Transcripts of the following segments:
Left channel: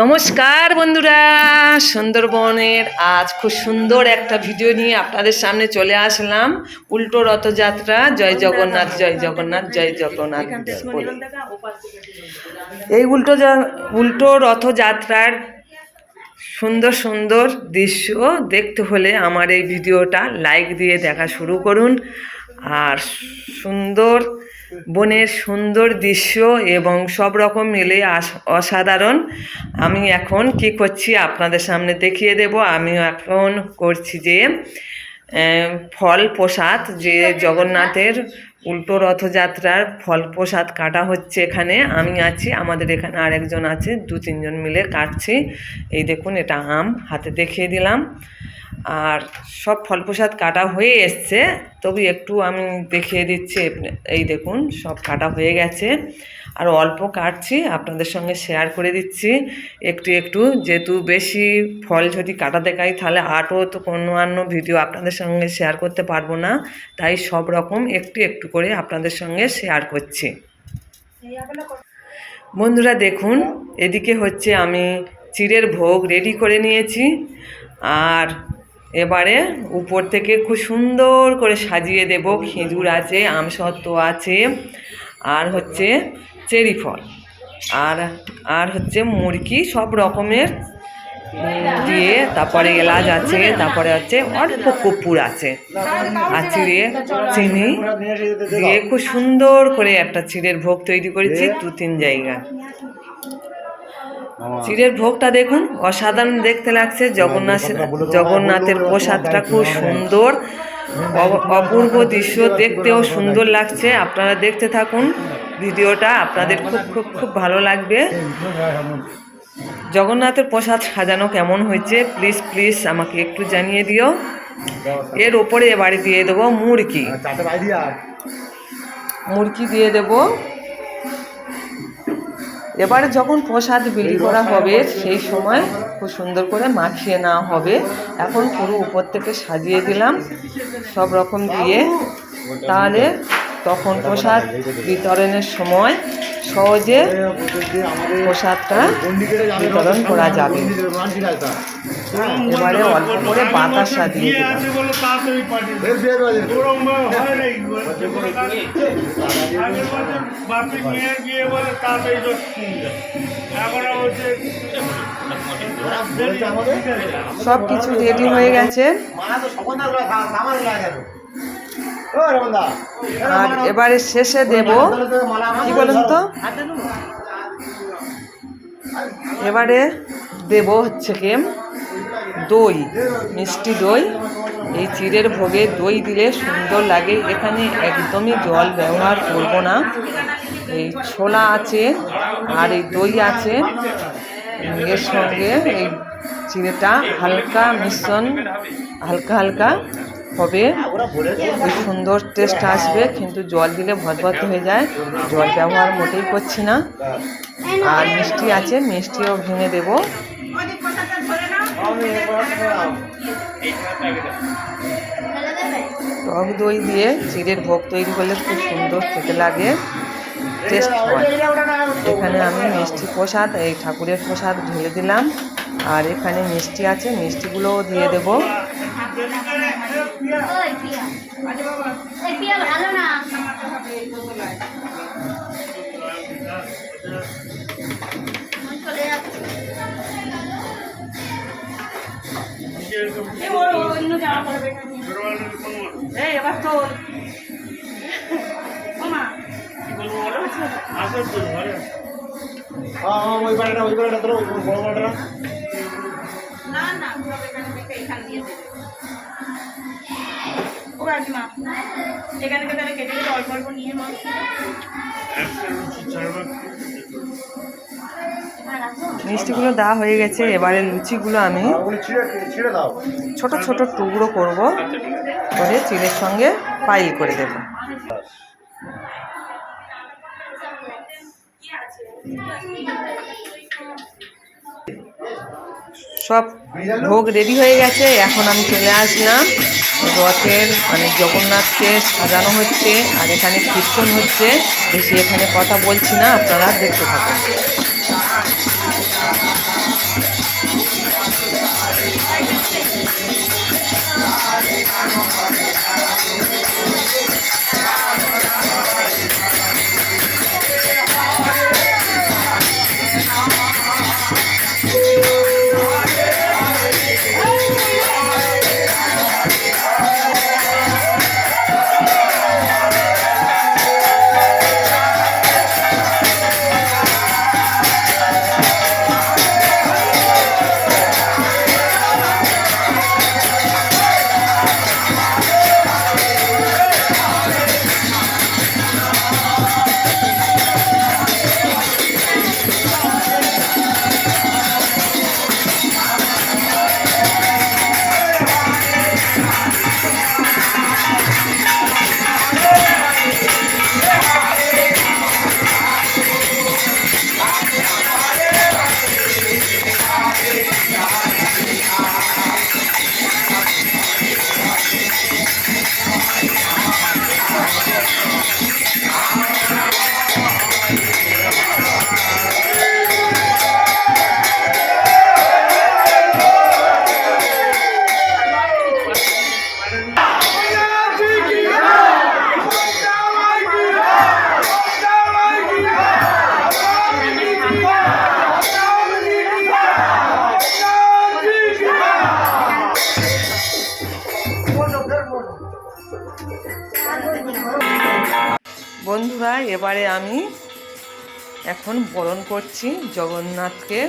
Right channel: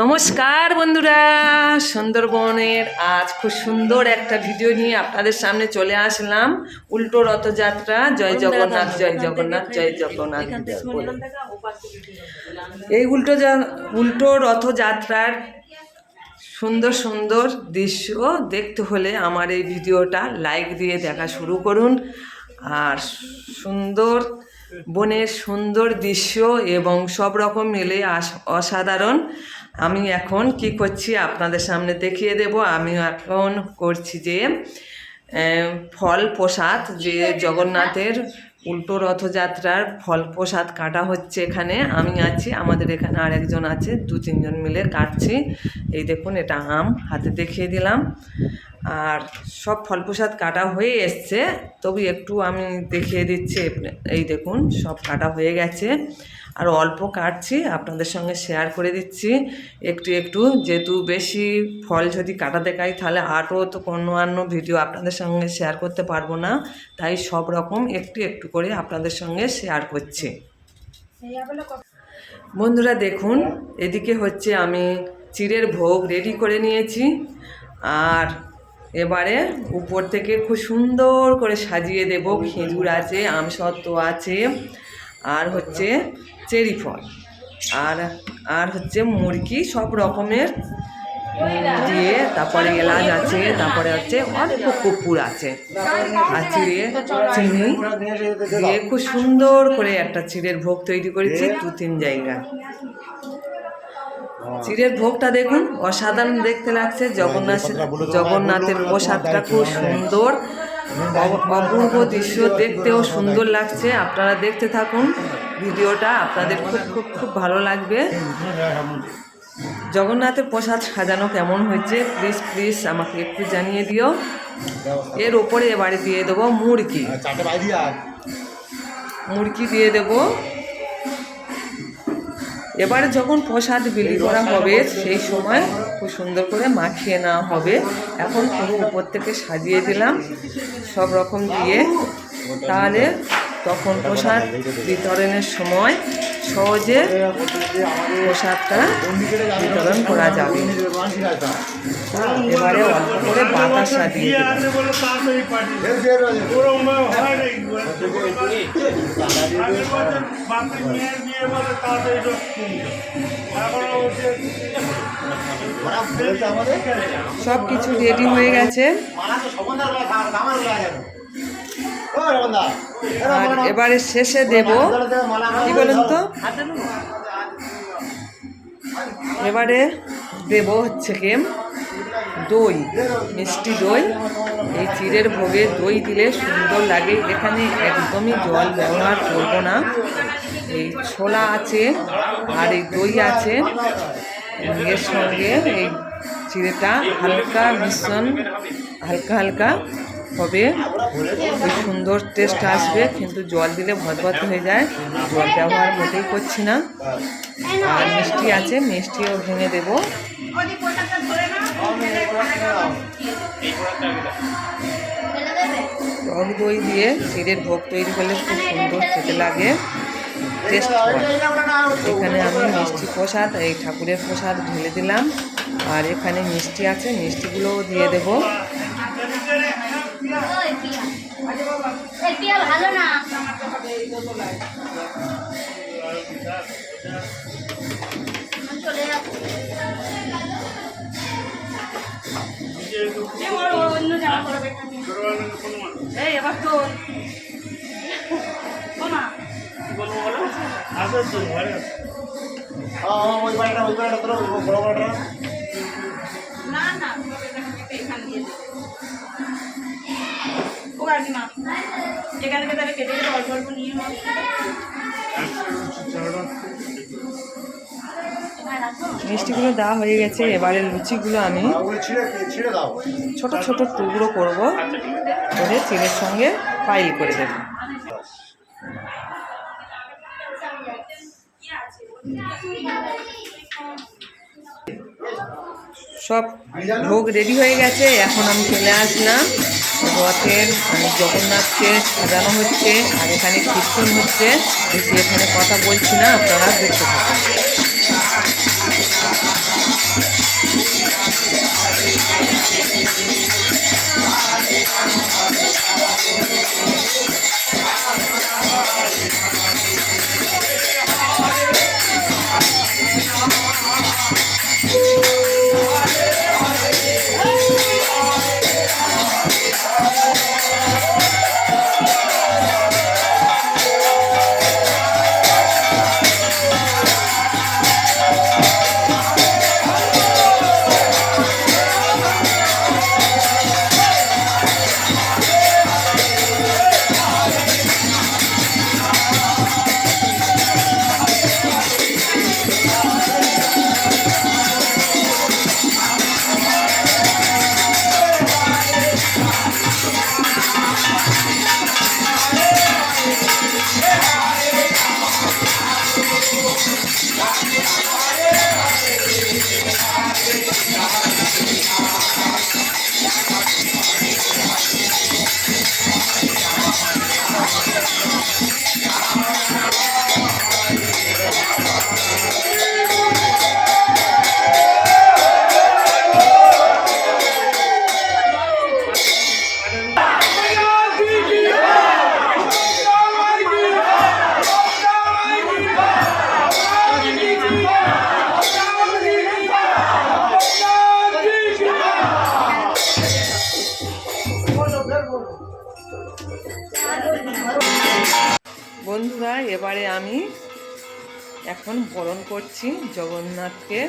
নমস্কার বন্ধুরা, সুন্দরবনের আজ খুব সুন্দর একটা ভিডিও নিয়ে আপনাদের সামনে চলে আসলাম। উল্টো রথযাত্রা, জয় জগন্নাথ জয় জগন্নাথ জয় জগন্নাথ বলে। এই উল্টো রথযাত্রার সুন্দর সুন্দর দৃশ্য দেখতে হলে আমার এই ভিডিওটা লাইক দিয়ে দেখা শুরু করুন। আর সুন্দর বনের সুন্দর দৃশ্য এবং সব রকম মিলে অসাধারণ। আমি এখন কি করছি আপনাদের সামনে দেখিয়ে দেব। আমি এখন করছি যে ফল প্রসাদ, যে জগন্নাথের উল্টো রথযাত্রার ফল প্রসাদ কাটা হচ্ছে। এখানে আমি আছি, আমাদের এখানে আরেকজন আছে, 2-3 জন মিলে কাটছি। এই দেখুন, এটা আম হাতে দেখিয়ে দিলাম। আর সব ফল প্রসাদ কাটা হয়ে এসছে, তবু একটু আমি দেখিয়ে দিচ্ছি। এই দেখুন, সব কাটা হয়ে গেছে, আর অল্প কাটছি, আপনাদের সঙ্গে শেয়ার করে দিচ্ছি একটু একটু। যেহেতু বেশি ফল যদি কাটা দেখাই তাহলে আরও তো অন্য ভিডিও আপনাদের সঙ্গে শেয়ার করতে পারবো না, তাই সব রকম একটু একটু করে আপনাদের সঙ্গে শেয়ার করছি। বন্ধুরা দেখুন, এদিকে হচ্ছে আমি চিড়ের ভোগ রেডি করে নিয়েছি। আর এবারে উপর থেকে খুব সুন্দর করে সাজিয়ে দেব। খেজুর আছে, আমসত্ত্ব আছে, আর হচ্ছে চেরি ফল, আর হচ্ছে মুরগি, সব রকমের দিয়ে, তারপরে এলাচ আছে, তারপরে হচ্ছে অল্প কর্পূর আছে, আর চিনি দিয়ে খুব সুন্দর করে একটা চিড়ের ভোগ তৈরি করেছি 2-3 জায়গায়। চিড়ের ভোগটা দেখুন, অসাধারণ দেখতে লাগছে। জগন্নাথের প্রসাদটা খুব সুন্দর, অপূর্ব দৃশ্য, দেখতেও সুন্দর লাগছে। আপনারা দেখতে থাকুন ভিডিওটা, আপনাদের খুব খুব খুব ভালো লাগবে। জগন্নাথের প্রসাদ সাজানো কেমন হয়েছে প্লিজ আমাকে একটু জানিয়ে দিও। এর ওপরে এবারে দিয়ে দেবো মুরগি দিয়ে দেবো। এবারে যখন প্রসাদ বিলি করা হবে সেই সময় খুব সুন্দর করে মাখিয়ে নেওয়া হবে। এখন পুরো উপর থেকে সাজিয়ে দিলাম সব রকম দিয়ে, তাহলে তখন প্রসাদ বিতরণের সময় সহজে প্রসাদটা বিতরণ করা যাবে। এবারে অল্প করে বাতাসা দিয়ে দিলাম। সব কিছু রেডি হয়ে গেছে। আর এবারে শেষে দেব কি বলুন তো, এবারে দেব হচ্ছে কি দই, মিষ্টি দই। এই চিড়ের ভোগে দই দিলে সুন্দর লাগে। এখানে একদমই জল ব্যবহার করব না। এই ছোলা আছে আর এই দই আছে, এর সঙ্গে এই চিড়েটা হালকা মিশ্রণ, হালকা হবে, ওই সুন্দর টেস্ট আসবে। কিন্তু জল দিলে ভদভদ হয়ে যায়, জল ব্যবহার মোটেই করছি না। আর মিষ্টি আছে, মিষ্টিও ভেঙে দেব। টক দই দিয়ে চিড়ের ভোগ তৈরি করলে খুব সুন্দর খেতে লাগে, টেস্ট হয়। এখানে আমি মিষ্টি প্রসাদ, এই ঠাকুরের প্রসাদ ঢেলে দিলাম। আর এখানে মিষ্টি আছে, মিষ্টিগুলোও দিয়ে দেব। এবার তো মিষ্টিগুলো দেওয়া হয়ে গেছে। এবারে লুচিগুলো আমি ছোট ছোট টুকরো করব, করে চিড়ের সঙ্গে পাইল করে দেব। সব ভোগ রেডি হয়ে গেছে। এখন আমি চলে আসলাম রথের, মানে জগন্নাথকে সাজানো হচ্ছে, আর এখানে কীর্তন হচ্ছে। বেশি এখানে কথা বলছি না, আপনারা দেখতে থাকুন। বন্ধুরা, এবারে আমি এখন বরণ করছি জগন্নাথকে,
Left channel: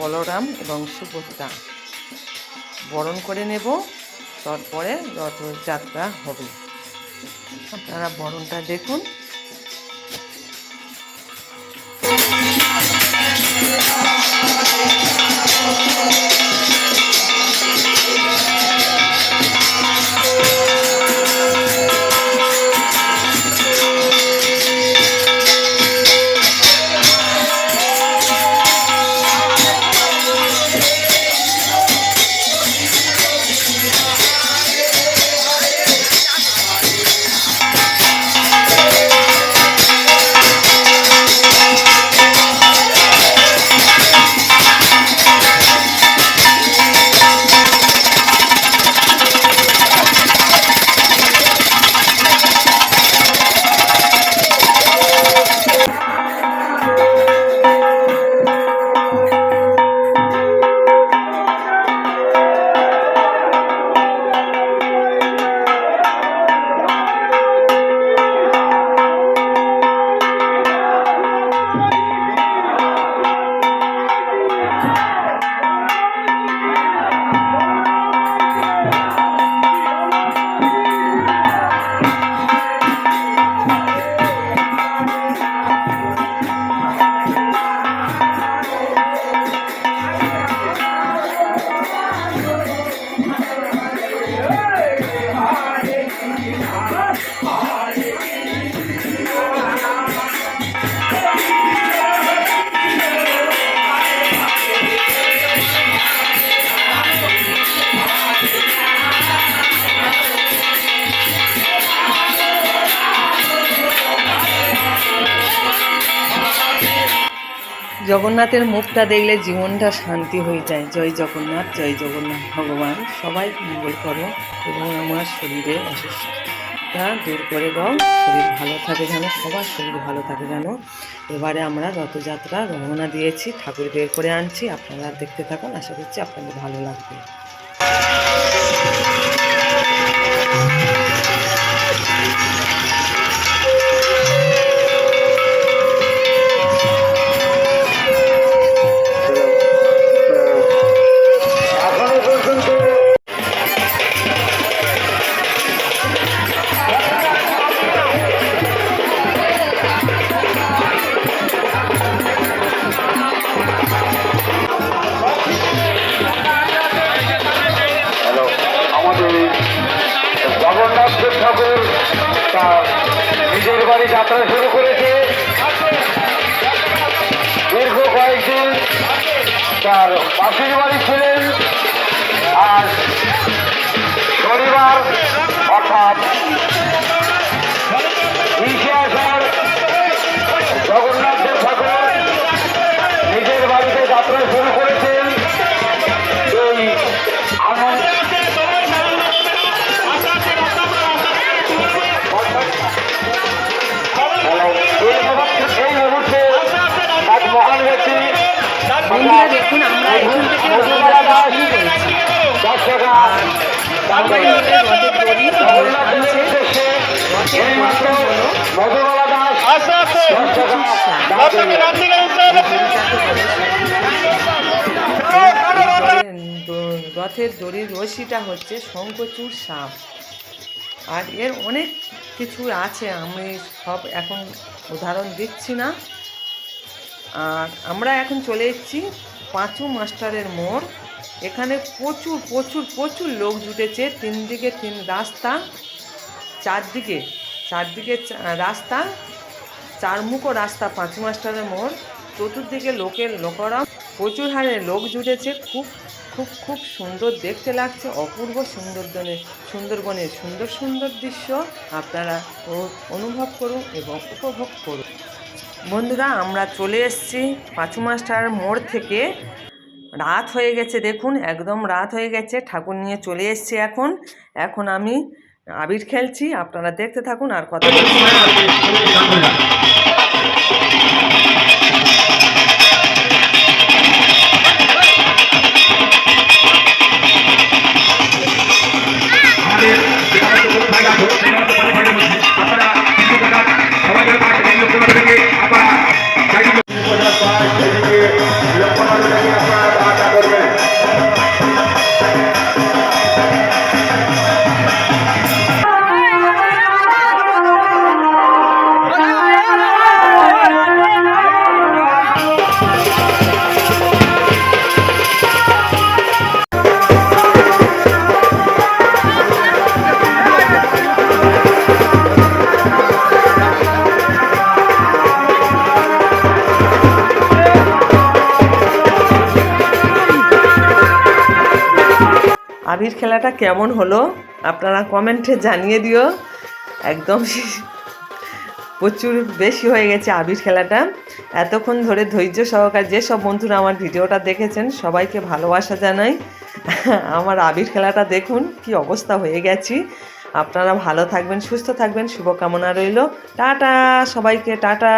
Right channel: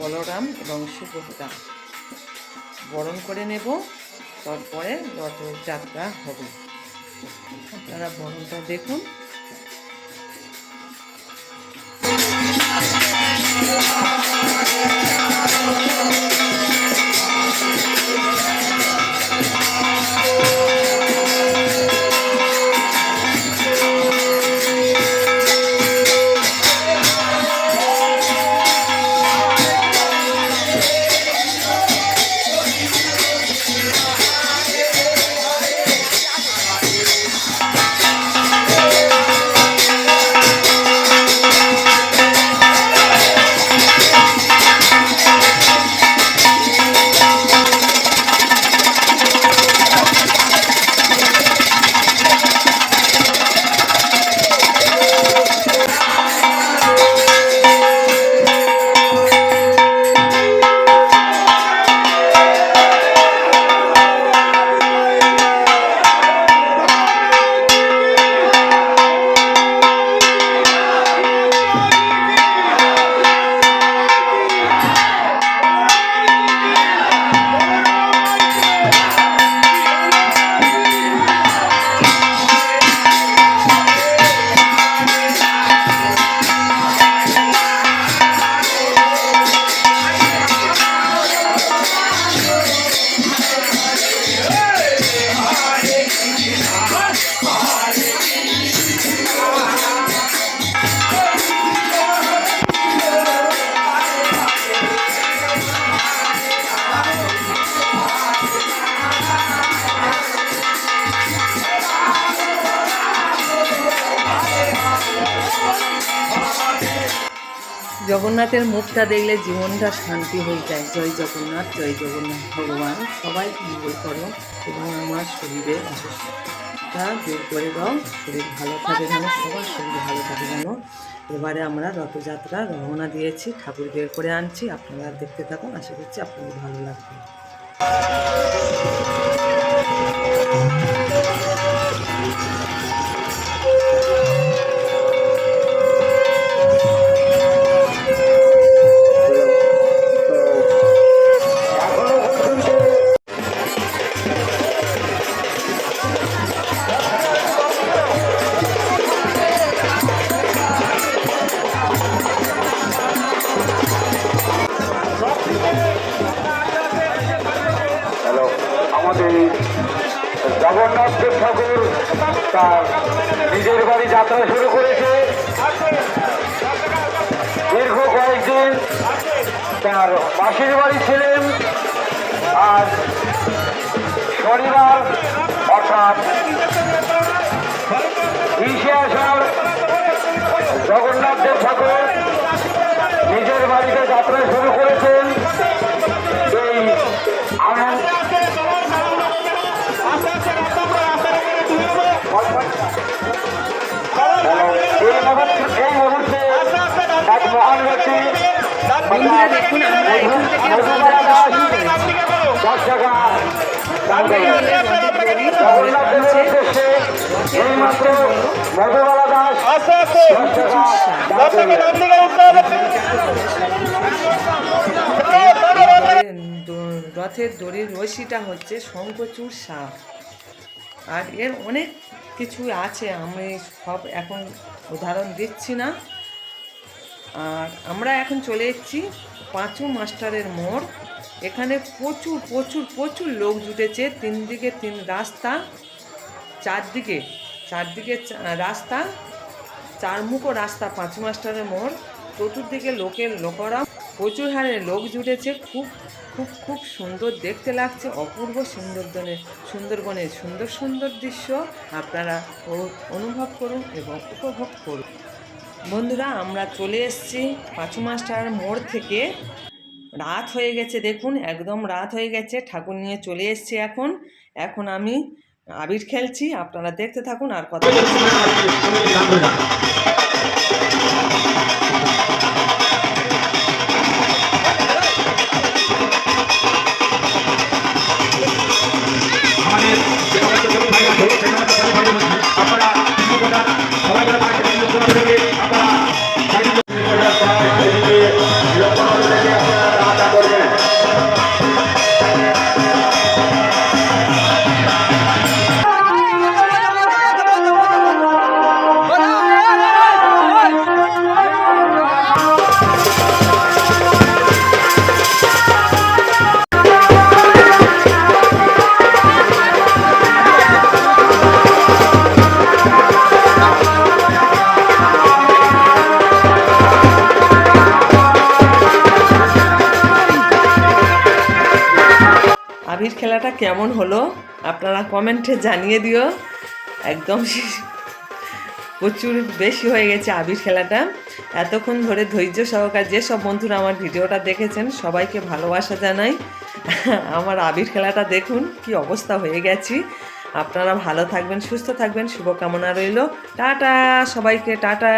বলরাম এবং সুভদ্রা বরণ করে নেব, তারপরে রথযাত্রা হবে। আপনারা বরণটা দেখুন। জগন্নাথের মুখটা দেখলে জীবনটা শান্তি হয়ে যায়। জয় জগন্নাথ, জয় জগন্নাথ। ভগবান সবাই মঙ্গল করো এবং আমার শরীরে অসুস্থতা দূর করে দাও, শরীর ভালো থাকে যেন, সবার শরীর ভালো থাকে যেন। এবারে আমরা রথযাত্রা রওনা দিয়েছি, ঠাকুর বের করে আনছি, আপনারা দেখতে থাকুন, আশা করছি আপনাদের ভালো লাগবে। জগন্নাথ দেব ঠাকুর তার নিজের বাড়ি যাত্রা শুরু করেছে। দীর্ঘ কয়েকদিন তার মাসির বাড়ি ছিলেন, আর শনিবার অর্থাৎ 20 আষাঢ় জগন্নাথ দেব ঠাকুর নিজের বাড়িতে যাত্রা শুরু করেছেন। এই বন্ধুরা দেখুন, আমরা এখান থেকে রথযাত্রা শুরু করেছি। 10 টাকা সবাই মিলে রথের দড়ি ধরে টানছে। রথের এইমাত্র দড়িটা হলো মধুবালা দাস 10 টাকা রথের দড়ির রশিটা হচ্ছে শঙ্খচূড় সাপ। আর এর অনেক কিছু আছে, আমি সব এখন উদাহরণ দিচ্ছি না। আর আমরা এখন চলে এসেছি পাঁচু মাস্টারের মোড়। এখানে প্রচুর প্রচুর প্রচুর লোক জুটেছে। তিন দিকে তিন রাস্তা, চারদিকে রাস্তা, চারমুখো রাস্তা পাঁচু মাস্টারের মোড়। চতুর্দিকে লোকেরা প্রচুর হারে লোক জুটেছে। খুব খুব খুব সুন্দর দেখতে লাগছে। অপূর্ব সুন্দরবনের সুন্দর সুন্দর দৃশ্য আপনারা অনুভব করুন এবং উপভোগ করুন। বন্ধুরা, আমরা চলে এসেছি পাঁচু মাস্টার মোড় থেকে। রাত হয়ে গেছে, দেখুন একদম রাত হয়ে গেছে। ঠাকুর নিয়ে চলে এসেছি এখন আমি আবির খেলছি। আপনারা দেখতে থাকুন আর কথা বলছি না। আবির খেলাটা কেমন হলো আপনারা কমেন্টে জানিয়ে দিও। একদম প্রচুর বেশি হয়ে গেছে আবির খেলাটা। এতক্ষণ ধরে ধৈর্য সহকারে যেসব বন্ধুরা আমার ভিডিওটা দেখেছেন সবাইকে ভালোবাসা জানাই। আমার আবির খেলাটা দেখুন কি অবস্থা হয়ে গেছি। আপনারা ভালো থাকবেন, সুস্থ থাকবেন, শুভকামনা রইল। টাটা সবাইকে, টাটা।